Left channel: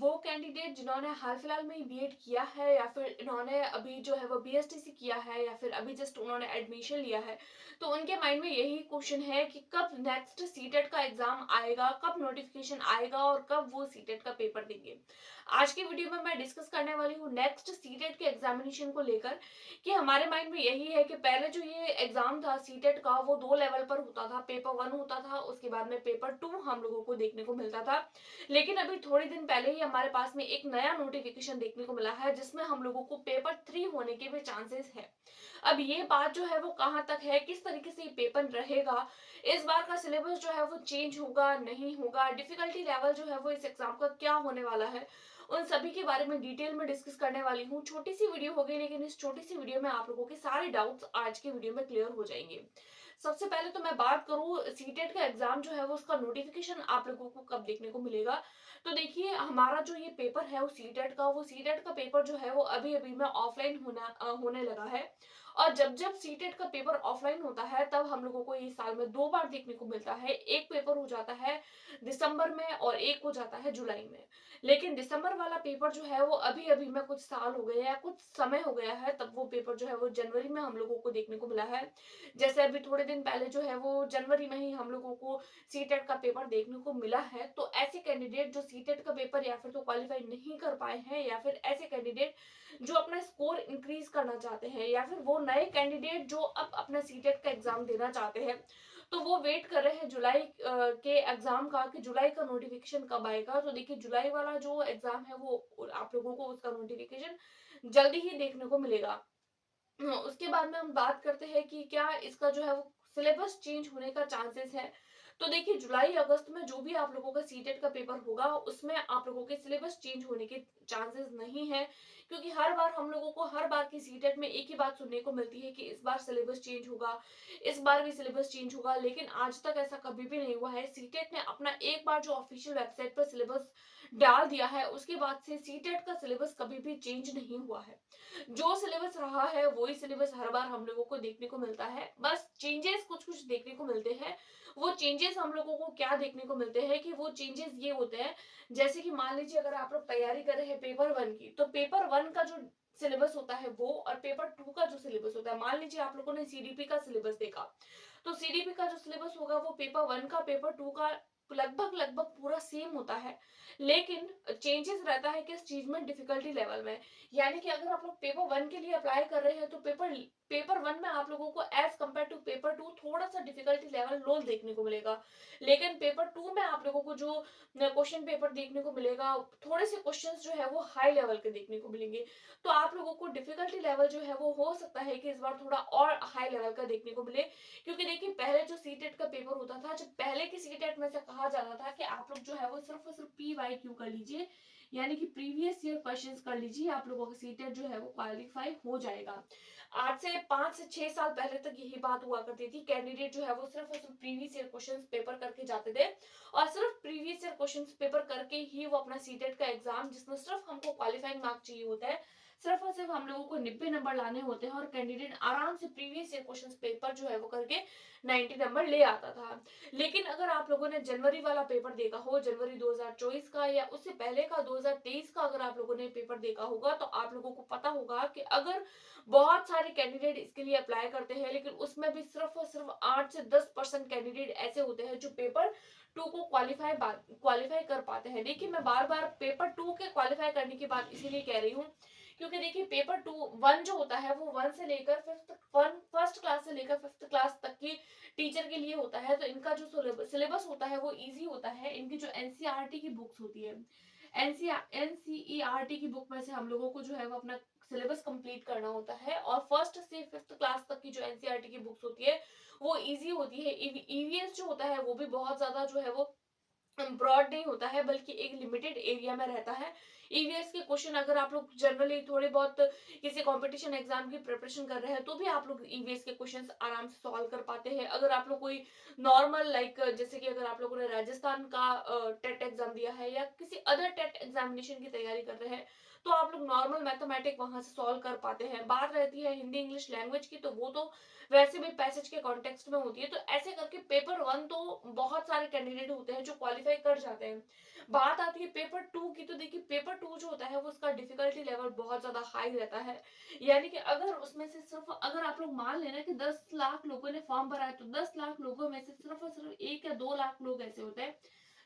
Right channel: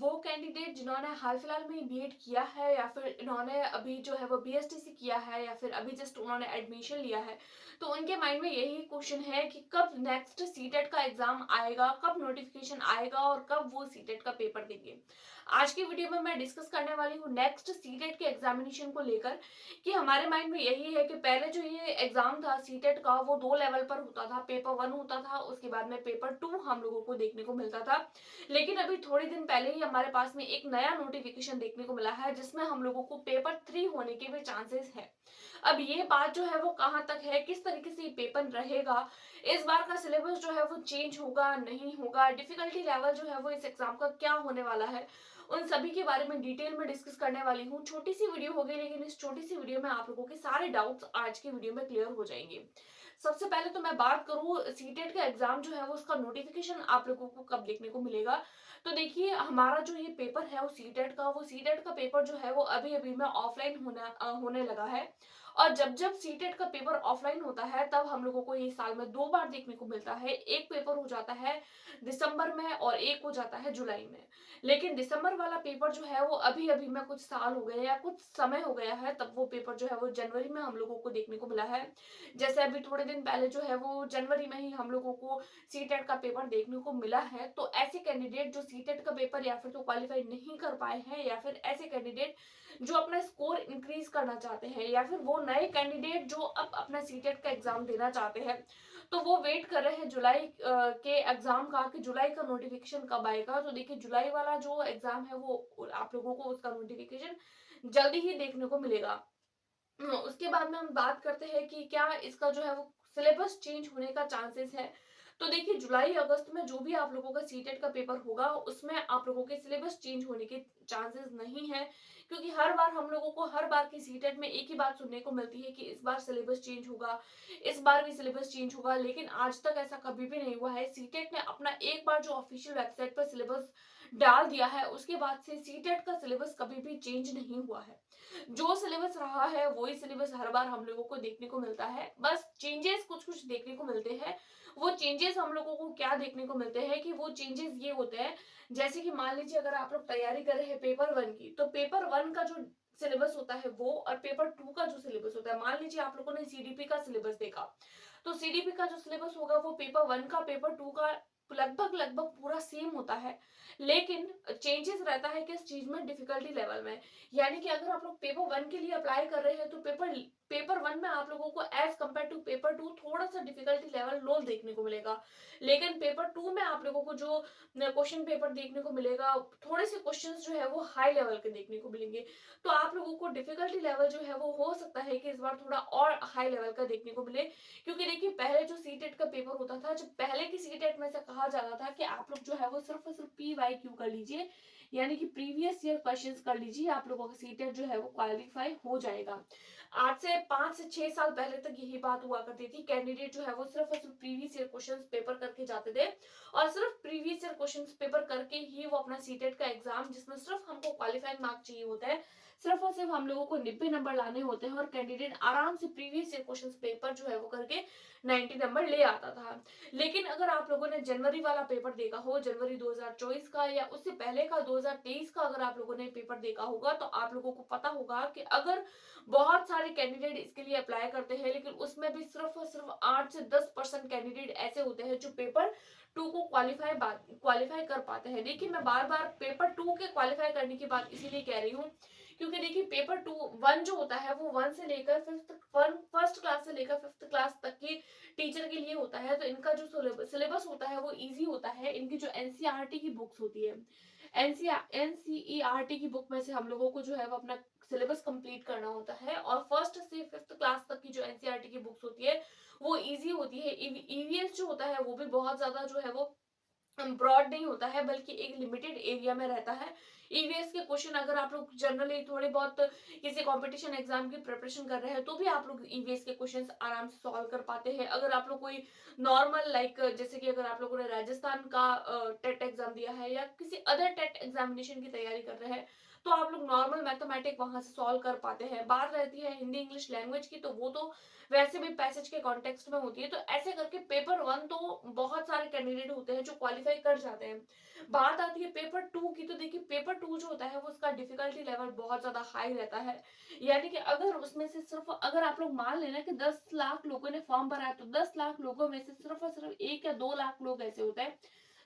वो कैंडिडेट जिन्होंने हाल फिलहाल में ही बीएड किया है या फिर इन्होंने अभी जो है वो बीएसटीसी किया है या फिर अभी जस्ट उन्होंने एडमिशन लिया है, तो उनके माइंड में यही क्वेश्चन है कि कब नेक्स्ट सीटेट का एग्जाम आएगा, कब नोटिफिकेशन आएगा और कब वो सीटेट का पेपर देंगे। आज की वीडियो में मैं डिस्कस करने वाली हूँ नेक्स्ट सीटेट के एग्जामिनेशन को लेकर कि हमारे माइंड में यही है कि पहले जो ये एग्जाम था सीटेट का वो 2 लेवल पर होता था। पेपर 1 होता था, उसके बाद में पेपर 2 हम लोगों को देखने को मिलता था। लेकिन अभी थोड़े दिन पहले ही हमारे पास में एक नया नोटिफिकेशन देखने को मिला है जिसमें हम लोगों को पेपर 3 होने के भी चांसेस है। अब ये बात जो है वो कहाँ तक है, किस तरीके से ये पेपर रहेगा, इस बार का सिलेबस जो है वो चेंज होगा नहीं होगा, डिफिकल्टी लेवल जो है वो इस एग्जाम का क्या होने वाला है, उन सभी के बारे में डिटेल में डिस्कस करने वाली हूँ। छोटी सी वीडियो होगी लेकिन इस छोटी सी वीडियो में आप लोगों के सारे डाउट्स आज की वीडियो में क्लियर हो जाएंगे। सबसे पहले तो मैं बात करूँ सीटेट का एग्जाम जो है वो उसका नोटिफिकेशन आप लोगों को कब देखने को मिलेगा। तो देखिए हमारा जो ये पेपर है वो सीटेट का पेपर जो है वो अभी अभी में ऑफलाइन होने लगा है। और जब जब सीटेट का पेपर ऑफलाइन होता है तब हम लोगों को ये साल में 2 बार देखने को मिलता है। एक पेपर हो जाता है दिसंबर में और एक हो जाता है जुलाई में। लेकिन दिसंबर वाला पेपर जो है वो अभी अभी में कुछ साल हो गए या कुछ समय हो गया है, तब वो पेपर जो है वो जनवरी में हम लोगों को देखने को मिला है। जैसे अभी थोड़े दिन पहले जो है वो जनवरी में ही हम लोगों को सीटेट का पेपर देखने को मिला है। तो ऐसे कैंडिडेट जो सीटेट का पेपर या फिर तो क्वालिफाई नहीं कर पाए हैं या फिर ऐसे कैंडिडेट जो अपना स्कोर इंक्रीज करना चाहते हैं या फिर वो नए कैंडिडेट जो अब अपना सीटेट का एग्जाम देना चाहते हैं, तो वो वेट कर रहे हैं जुलाई के एग्जाम का कि जुलाई का नोटिफिकेशन कब आएगा। तो देखिए जुलाई वाला जो एग्जाम है वो आप लोगों को उसका नोटिफिकेशन जल्दी ही देखने को मिलेगा। उसके बाद में हम बात करते हैं कि क्या इसका जो है वो सिलेबस चेंज होने का चांसेस है। तो देखिए जुलाई अगस्त में जो भी आप लोगों का सीटेट का पेपर होगा उसमें आप लोगों के सिलेबस चेंज होने के चांसेस नहीं है, क्योंकि हर बार हम लोगों को हर बार की सीटेट में एक ही बात सुनने को मिलती है कि इस बार सिलेबस चेंज होगा, इस बार भी सिलेबस चेंज होगा। लेकिन आज तक ऐसा कभी भी नहीं हुआ है। सीटेट ने अपना एक बार जो ऑफिशियल वेबसाइट पर सिलेबस डाल दिया है उसके बाद से सीटेट का सिलेबस कभी भी चेंज नहीं हुआ है। जो सिलेबस रहा है वही सिलेबस हर बार हम लोगों को देखने को मिलता है, बस चेंजेस कुछ कुछ देखने को मिलते हैं। वो चेंजेस हम लोगों को क्या देखने को मिलते हैं कि वो चेंजेस ये होते हैं, जैसे कि मान लीजिए अगर आप लोग तैयारी कर रहे हैं पेपर 1 की, तो पेपर 1 का जो सिलेबस होता है वो और पेपर 2 का जो सिलेबस होता है, मान लीजिए आप लोगों ने सीडीपी का सिलेबस देखा, तो सीडीपी का जो सिलेबस होगा वो पेपर 1 का पेपर 2 का लगभग लगभग पूरा सेम होता है। लेकिन चेंजेस रहता है किस चीज में, डिफिकल्टी लेवल में। यानी कि अगर आप लोग पेपर 1 के लिए अप्लाई कर रहे हैं तो पेपर 1 में आप लोगों को एज कम्पेयर टू पेपर 2 थोड़ा सा डिफिकल्टी लेवल लो देखने को मिलेगा। लेकिन पेपर 2 में आप लोगों को जो क्वेश्चन पेपर देखने को मिलेगा, थोड़े से क्वेश्चंस जो है वो हाई लेवल के देखने को मिलेंगे। तो आप लोगों को डिफिकल्टी लेवल जो है वो हो सकता है कि इस बार थोड़ा और हाई लेवल का देखने को मिले। क्योंकि देखिए पहले जो सीटेट का पेपर होता था, जब पहले की सीटेट में से कहा जाता था कि आप लोग जो है वो सिर्फ और सिर्फ PYQ कर लीजिए, यानी कि प्रीवियस ईयर क्वेश्चंस कर लीजिए, आप लोगों का सीटेट जो है वो क्वालिफाई हो जाएगा। आज से 5 से 6 साल पहले तक यही बात हुआ करती थी। कैंडिडेट जो है वो सिर्फ और सिर्फ प्रीवियस ईयर क्वेश्चंस पेपर करके जाते थे और सिर्फ प्रीवियस ईयर क्वेश्चंस पेपर करके ही वो अपना सीटेट का एग्जाम, जिसमें सिर्फ हमको क्वालिफाइंग मार्क चाहिए होता है, सिर्फ और सिर्फ हम लोगों को 90 नंबर लाने होते हैं और कैंडिडेट आराम से प्रीवियस ईयर क्वेश्चंस पेपर जो है वो करके 90 नंबर ले आता था। लेकिन अगर आप लोगों ने जनवरी वाला पेपर देखा हो, जनवरी 2024 का या उससे पहले का 2023 का अगर आप लोगों ने पेपर देखा होगा, तो आप लोगों को पता होगा कि अगर बहुत सारे कैंडिडेट इसके लिए अप्लाई करते हैं लेकिन उसमें भी सिर्फ और सिर्फ 8 से 10% कैंडिडेट ऐसे होते हैं जो पेपर 2 को क्वालिफाई कर पाते हैं। देखिए मैं बार बार पेपर 2 के क्वालिफाई करने की बात इसीलिए कह रही हूँ क्योंकि देखिए पेपर 2 1 जो होता है वो 1 से लेकर फर्स्ट क्लास से लेकर 5th क्लास तक की टीचर के लिए होता है। तो इनका जो सिलेबस होता है वो इजी होता है। इनकी जो एनसीईआरटी की बुक्स होती है, एनसीईआरटी की बुक में से हम लोगों को जो है वो अपना सिलेबस कंप्लीट करना होता है और फर्स्ट से 5th क्लास तक की जो एनसीईआरटी की बुक्स होती है वो इजी होती है। ईवीएस जो होता है वो भी बहुत ज्यादा जो है वो ब्रॉड नहीं होता है, बल्कि एक लिमिटेड एरिया में रहता है। ईवीएस के क्वेश्चन अगर आप लोग जनरली थोड़े बहुत किसी कंपटीशन एग्जाम की प्रिपरेशन कर रहे हैं तो भी आप लोग ईवीएस के क्वेश्चंस आराम से सॉल्व कर पाते हैं। अगर आप लोग कोई नॉर्मल जैसे कि अगर आप लोगों ने राजस्थान का टेट एग्जाम दिया है या किसी अदर टेट एग्जामिनेशन की तैयारी कर रहे हैं तो आप लोग नॉर्मल मैथमेटिक वहां से सॉल्व कर पाते हैं। बात रहती है हिंदी इंग्लिश लैंग्वेज की, तो वो तो वैसे भी पैसेज के कॉन्टेक्स्ट में होती है। तो ऐसे करके पेपर 1 तो बहुत सारे कैंडिडेट होते हैं जो क्वालिफाई कर जाते हैं। बात आती है पेपर 2 की, तो देखिए जो होता है वो उसका डिफिकल्टी लेवल बहुत ज़्यादा हाई रहता है। यानी कि अगर उसमें से सिर्फ़ अगर आप लोग मान लेना कि 10 लाख लोगों ने फॉर्म भरा है, तो 10 लाख लोगों में से सिर्फ़ और सिर्फ़ 1 या 2 लाख लोग ऐसे होते हैं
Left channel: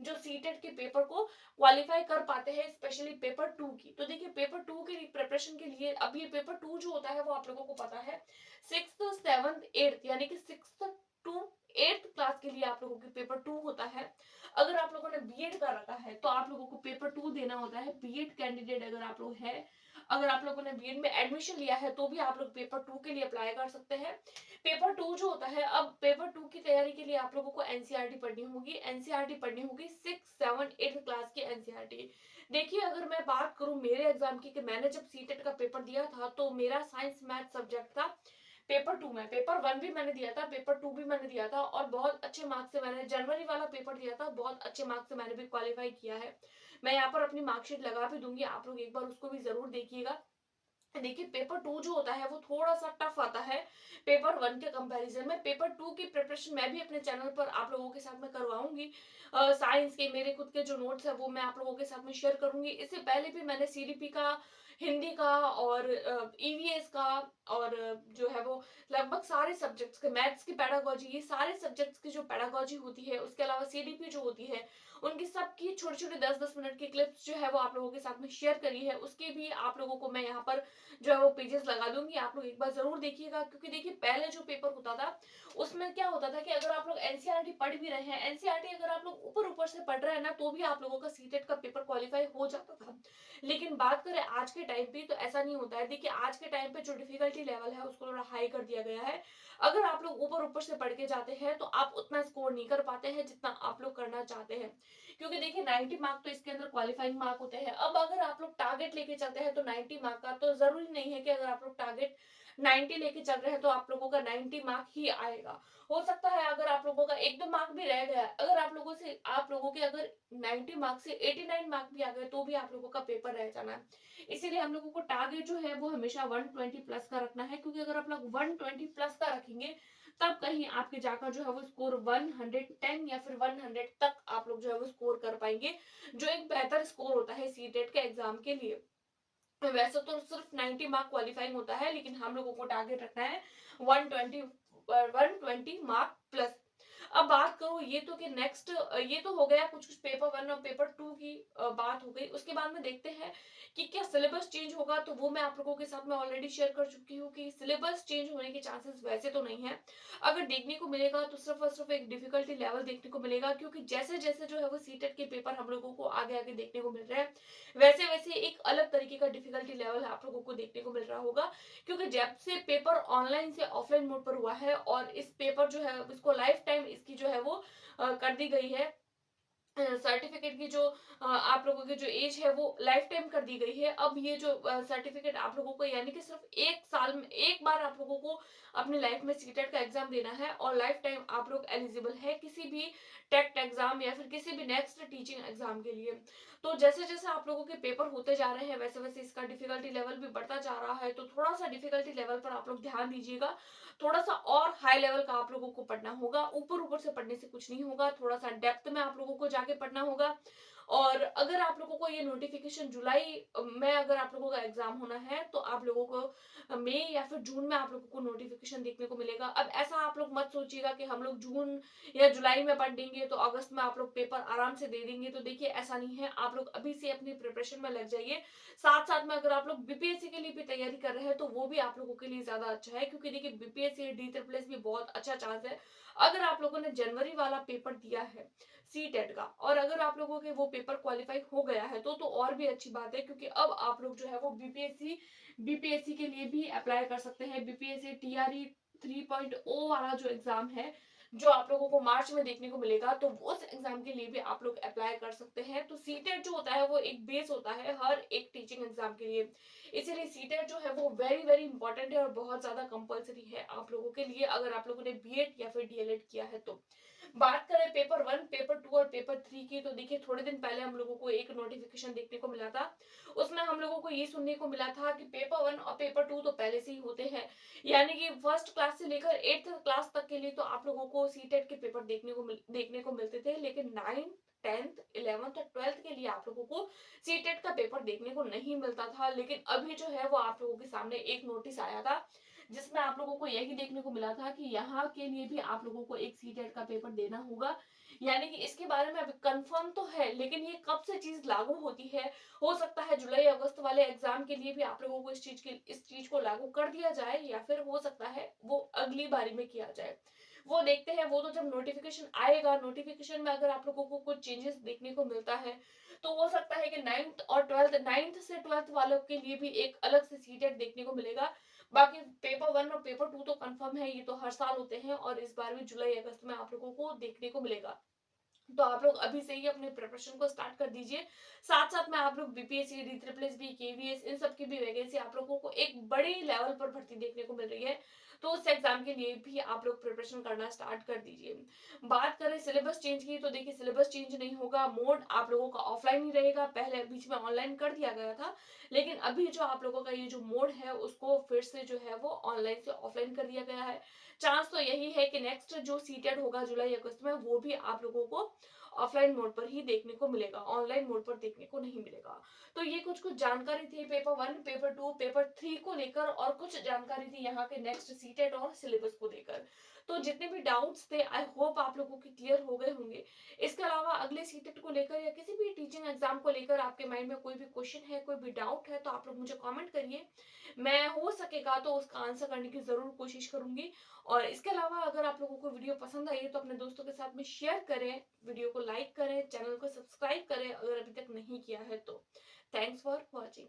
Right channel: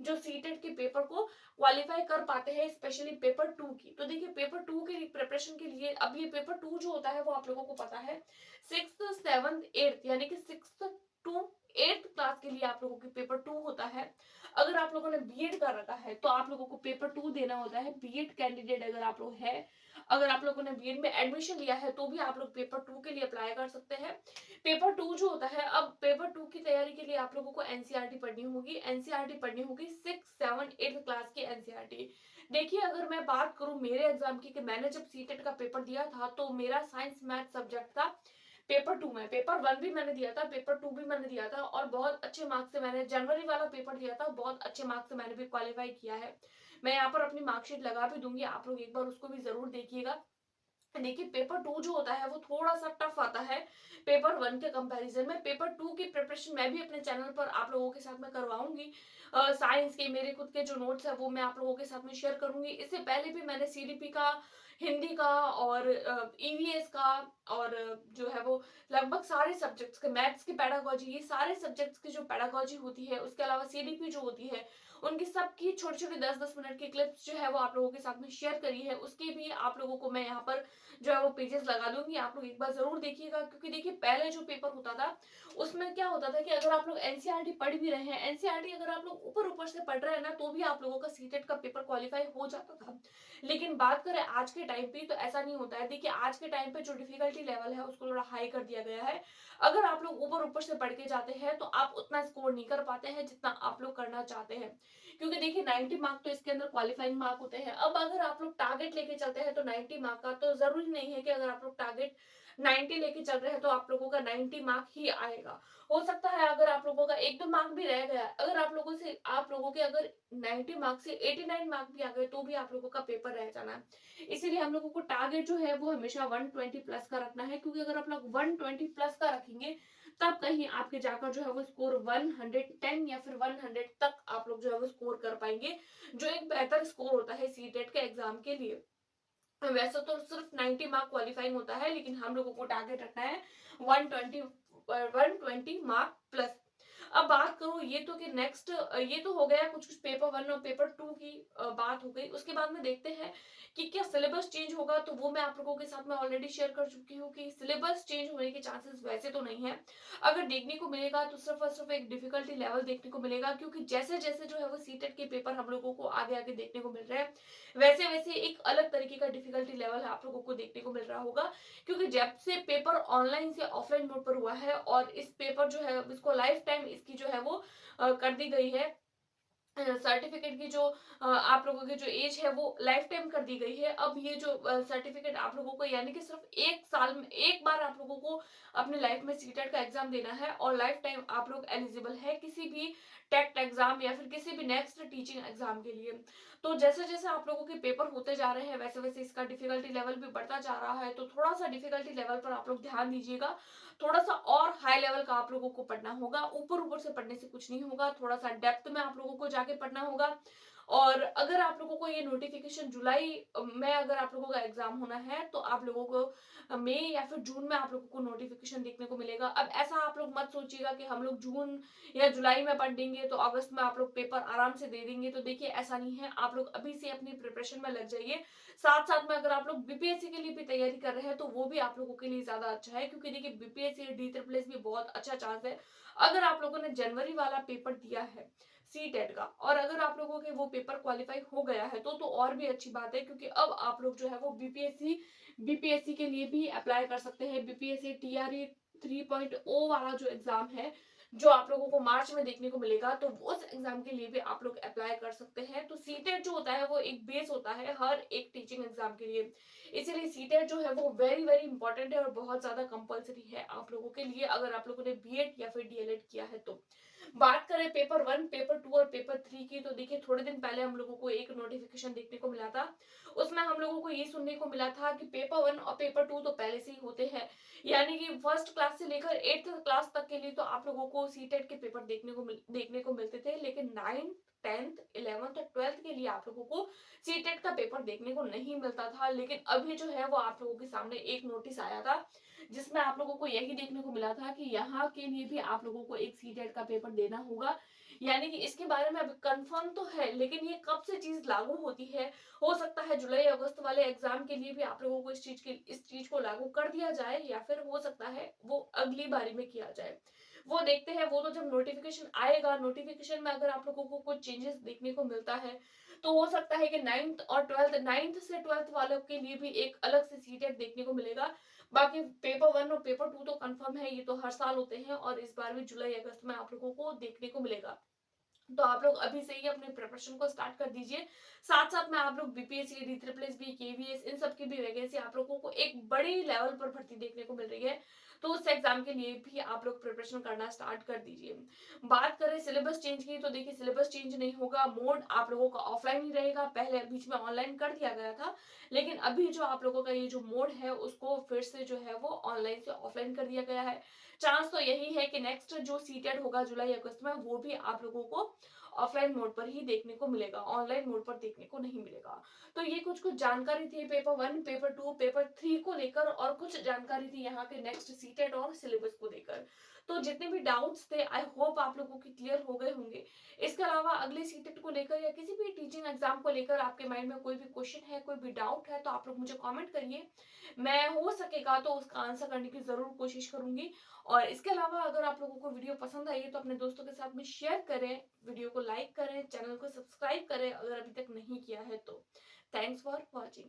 जो सीटेट के पेपर को क्वालीफाई कर पाते हैं, स्पेशली पेपर 2 की। तो देखिए पेपर 2 की प्रिपरेशन के लिए अब ये पेपर 2 जो होता है वो आप लोगों को पता है 6th, 7th, 8th यानी कि 6th टू 8th क्लास के लिए आप लोगों की पेपर 2 होता है। अगर आप लोगों ने बीएड कर रखा है तो आप लोगों को पेपर 2 देना होता है। बीएड कैंडिडेट अगर आप लोग हैं, अगर आप लोगों ने बीएड में एडमिशन लिया है तो भी आप लोग पेपर 2 के लिए अप्लाई कर सकते हैं। पेपर 2 जो होता है, अब पेपर 2 की तैयारी के लिए आप लोगों को एनसीईआरटी पढ़नी होगी। एनसीईआरटी पढ़नी होगी 6, 7, 8 क्लास की एनसीईआरटी। देखिए अगर मैं बात करूं मेरे एग्जाम की कि मैंने जब सीटेट का पेपर दिया था तो मेरा साइंस मैथ सब्जेक्ट था पेपर 2 में। पेपर 1 भी मैंने दिया था, पेपर 2 भी मैंने दिया था और बहुत अच्छे मार्क्स से मैंने जनवरी वाला पेपर दिया था, बहुत अच्छे मार्क्स से मैंने भी क्वालिफाई किया है। मैं यहाँ पर अपनी मार्कशीट लगा भी दूंगी, आप लोग एक बार उसको भी जरूर देखिएगा। देखिए पेपर 2 जो होता है वो थोड़ा सा टफ आता है पेपर 1 के कंपैरिजन में। पेपर 2 की प्रिपरेशन मैं भी अपने चैनल पर आप लोगों के साथ में करवाऊंगी। साइंस के मेरे खुद के जो नोट्स है वो मैं आप लोगों के साथ में शेयर करूंगी। इससे पहले भी मैंने सीडीपी का, हिंदी का और ईवीएस का और जो है वो लगभग सारे सब्जेक्ट्स के, मैथ्स की पेडागोजी, ये सारे सब्जेक्ट्स की जो पेडागोजी होती है, उसके अलावा सीडीपी जो होती है, उनकी सबकी छोटी छोटी 10-10 मिनट की क्लिप्स जो है वो आप लोगों के साथ में शेयर करी है। उसकी भी आप लोगों को मैं यहाँ पर जो है वो पेजेस लगा दूंगी, आप लोग एक बार जरूर देखिएगा। क्योंकि देखिए पहले जो पेपर होता था उसमें क्या होता था कि अगर आप लोग एनसीईआरटी पढ़ भी रहे हैं, एनसीईआरटी अगर आप लोग ऊपर ऊपर से पढ़ रहे हैं ना, तो भी आप लोगों का सीटेट का पेपर क्वालिफाई हो जाता था। लेकिन बात करें आज के टाइम पे तो ऐसा नहीं होता है। देखिए आज के टाइम पे जो डिफिकल्टी लेवल है उसको थोड़ा हाई कर दिया गया है। अगर आप लोग ऊपर ऊपर से पढ़ के जाते हैं तो आप उतना स्कोर नहीं कर पाते हैं जितना आप लोग करना चाहते हैं। क्योंकि देखिए 90 मार्क तो इसके अंदर क्वालिफाइंग मार्क होते हैं। अब अगर आप लोग टारगेट लेके चलते हैं तो 90 मार्क का, तो जरूरी नहीं है कि अगर आप लोग टारगेट 90 लेके चल रहे हैं तो आप लोगों का 90 मार्क ही आएगा। हो सकता है अगर आप लोगों का 1-2 मार्क भी रह गया, अगर आप लोगों के अगर 90 मार्क से 89 मार्क भी आ गए तो भी आप लोगों का पेपर रह जाना है। इसीलिए हम लोगों को टारगेट जो है वो हमेशा 120 प्लस का रखना है। क्योंकि अगर आप लोग 120 प्लस का रखेंगे तब कहीं आपके जाकर जो है वो स्कोर 110 या फिर 100 तक आप लोग जो है वो स्कोर कर पाएंगे, जो एक बेहतर स्कोर होता है सीटेट के एग्जाम के लिए। वैसे तो सिर्फ 90 मार्क क्वालिफाइंग होता है, लेकिन हम लोगों को टारगेट रखना है 120 मार्क प्लस। अब बात करो ये तो कि नेक्स्ट, ये तो हो गया कुछ कुछ पेपर 1 और पेपर 2 की बात हो गई। उसके बाद में देखते हैं कि क्या सिलेबस चेंज होगा, तो वो मैं आप लोगों के साथ में ऑलरेडी शेयर कर चुकी हूँ कि सिलेबस चेंज होने के चांसेस वैसे तो नहीं है। अगर देखने को मिलेगा तो सिर्फ और सिर्फ एक डिफिकल्टी लेवल देखने को मिलेगा। क्योंकि जैसे जैसे जो है वो सीटेट के पेपर हम लोगों को आगे आगे देखने को मिल रहे हैं, वैसे वैसे एक अलग तरीके का डिफिकल्टी लेवल आप लोगों को देखने को मिल रहा होगा। क्योंकि जब से पेपर ऑनलाइन से ऑफलाइन मोड पर हुआ है और इस पेपर जो है इसको लाइफ टाइम इसकी जो है वो कर दी गई है, सर्टिफिकेट की जो आप लोगों की जो एज है वो लाइफ टाइम कर दी गई है। अब ये जो सर्टिफिकेट आप लोगों को, यानी कि सिर्फ 1 साल में एक बार आप लोगों को अपने लाइफ में सीटेट का एग्जाम देना है और लाइफ टाइम आप लोग एलिजिबल है किसी भी टेट एग्जाम या फिर किसी भी नेक्स्ट टीचिंग एग्जाम के लिए। तो जैसे जैसे आप लोगों के पेपर होते जा रहे हैं वैसे वैसे इसका डिफिकल्टी लेवल भी बढ़ता जा रहा है। तो थोड़ा सा डिफिकल्टी लेवल पर आप लोग ध्यान दीजिएगा। थोड़ा सा और हाई लेवल का आप लोगों को पढ़ना होगा, ऊपर ऊपर से पढ़ने से कुछ नहीं होगा, थोड़ा सा डेप्थ में आप लोगों को जाके पढ़ना होगा। और अगर आप लोगों को ये नोटिफिकेशन जुलाई में अगर आप लोगों का एग्जाम होना है तो आप लोगों को मई या फिर जून में आप लोगों को नोटिफिकेशन देखने को मिलेगा। अब ऐसा आप लोग मत सोचिएगा कि हम लोग जून या जुलाई में पढ़ लेंगे तो अगस्त में आप लोग पेपर आराम से दे देंगे। तो देखिए ऐसा नहीं है, आप लोग अभी से अपनी प्रिपरेशन में लग जाइए। साथ साथ में अगर आप लोग बीपीएससी के लिए भी तैयारी कर रहे हैं तो वो भी आप लोगों के लिए ज्यादा अच्छा है। क्योंकि देखिए बीपीएससी डी ट्रिपल एस भी बहुत अच्छा चांस है। अगर आप लोगों ने जनवरी वाला पेपर दिया है सी टेट का और अगर आप लोगों के वो पेपर क्वालिफाई हो गया है तो और भी अच्छी बात है। क्योंकि अब आप लोग जो है वो बीपीएससी के लिए भी अप्लाई कर सकते हैं। बीपीएससी टीआरई 3.0 वाला जो एग्जाम है जो आप लोगों को मार्च में देखने को मिलेगा, तो उस एग्जाम के लिए भी आप लोग अप्लाई कर सकते हैं। तो सीटेट जो होता है वो एक बेस होता है हर एक टीचिंग एग्जाम के लिए। इसीलिए सीटेट जो है वो वेरी वेरी इंपॉर्टेंट है और बहुत ज्यादा कंपलसरी है आप लोगों के लिए अगर आप लोगों ने बीएड या फिर डीएलएड किया है तो। बात करें पेपर 1, पेपर 2 और पेपर 3 की, तो देखिए थोड़े दिन पहले हम लोगों को एक नोटिफिकेशन देखने को मिला था। उसमें हम लोगों को ये सुनने को मिला था कि पेपर 1 और पेपर 2 तो पहले से ही होते हैं। यानी कि फर्स्ट क्लास से लेकर 8th क्लास तक के लिए तो आप लोगों को सीटेट के पेपर देखने को मिलते थे। लेकिन 9th 10th 11th और 12th के लिए आप लोगों को सीटेट का पेपर देखने को नहीं मिलता था, लेकिन अभी जो है वो आप लोगों के सामने एक नोटिस आया था जिसमें आप लोगों को यही देखने को मिला था कि यहाँ के लिए भी आप लोगों को एक सीटेट का पेपर देना होगा। यानी कि इसके बारे में अभी कंफर्म तो है, लेकिन ये कब से चीज लागू होती है, हो सकता है जुलाई अगस्त वाले एग्जाम के लिए भी आप लोगों को इस चीज को लागू कर दिया जाए, या फिर हो सकता है वो अगली बारी में किया जाए। वो देखते हैं, वो तो जब नोटिफिकेशन आएगा, नोटिफिकेशन में अगर आप लोगों को कुछ चेंजेस देखने को मिलता है तो हो सकता है कि 9th से 12th वालों के लिए भी एक अलग से सीटेट देखने को मिलेगा। बाकी पेपर 1 और पेपर 2 तो कंफर्म है, ये तो हर साल होते हैं और इस बार भी जुलाई अगस्त में आप लोगों को देखने को मिलेगा। तो आप लोग अभी से ही अपने प्रिपरेशन को स्टार्ट कर दीजिए। साथ साथ में आप लोग BPSC, D triple S B, KVS, इन सब की भी वैकेंसी आप लोगों को एक बड़ी लेवल पर भर्ती देखने को मिल रही है, तो उस एग्जाम के लिए भी आप लोग प्रिपरेशन करना स्टार्ट कर दीजिए। बात करें सिलेबस चेंज की, तो देखिए सिलेबस चेंज नहीं होगा, मोड आप लोगों का ऑफलाइन ही रहेगा। पहले बीच में ऑनलाइन कर दिया गया था, लेकिन अभी जो आप लोगों का ये जो मोड है उसको फिर से जो है वो ऑनलाइन से ऑफलाइन कर दिया गया है। चांस तो यही है कि नेक्स्ट जो सीटेट होगा जुलाई अगस्त में, वो भी आप लोगों को ऑफलाइन मोड पर ही देखने को मिलेगा, ऑनलाइन मोड पर देखने को नहीं मिलेगा। तो ये कुछ जानकारी थी पेपर 1, पेपर 2, पेपर 3 को लेकर, और कुछ जानकारी थी यहाँ के नेक्स्ट सीटेट और सिलेबस को लेकर। तो जितने भी डाउट्स थे, आई होप आप लोगों के क्लियर हो गए होंगे। इसके अलावा अगले सीटेट को लेकर या किसी भी टीचिंग एग्जाम को लेकर आपके माइंड में कोई भी क्वेश्चन है, कोई भी डाउट है, तो आप लोग मुझे कमेंट करिए। मैं हो सकेगा तो उसका आंसर करने की जरूर कोशिश करूंगी। और इसके अलावा अगर आप लोगों को वीडियो पसंद आई है तो अपने दोस्तों के साथ में शेयर करें, वीडियो को लाइक करें, चैनल को सब्सक्राइब करें अगर अभी तक नहीं किया है तो। Thanks for watching.